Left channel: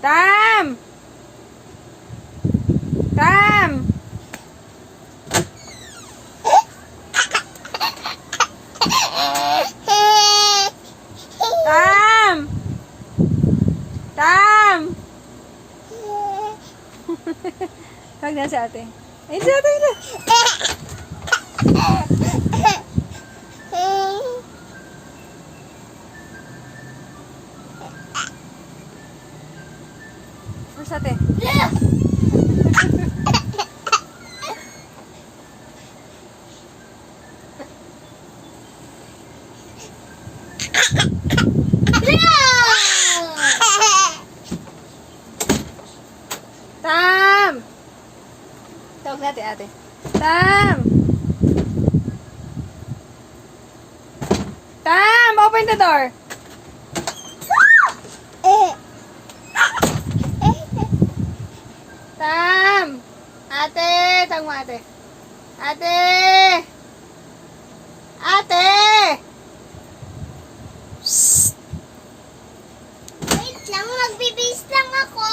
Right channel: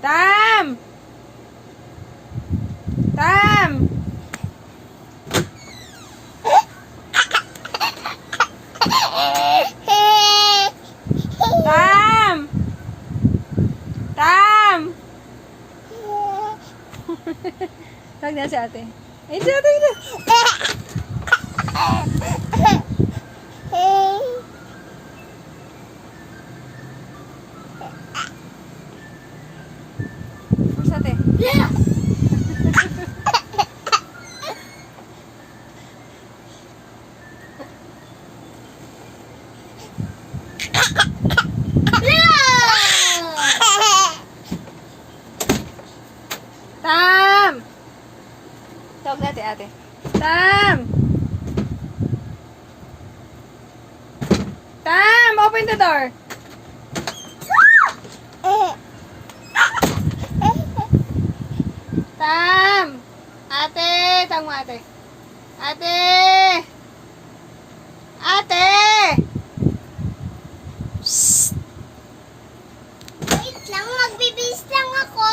Tam! Tam! Tam! Tam! Tawag na si ate. Ayun si ate. Ayun. Where's ate? Tam! Tawag natin ate. Tam! Tam! Open the door! Tam! Ate! Tawag mo ate. Ate! Ate! Wait lang, magbibis lang ako.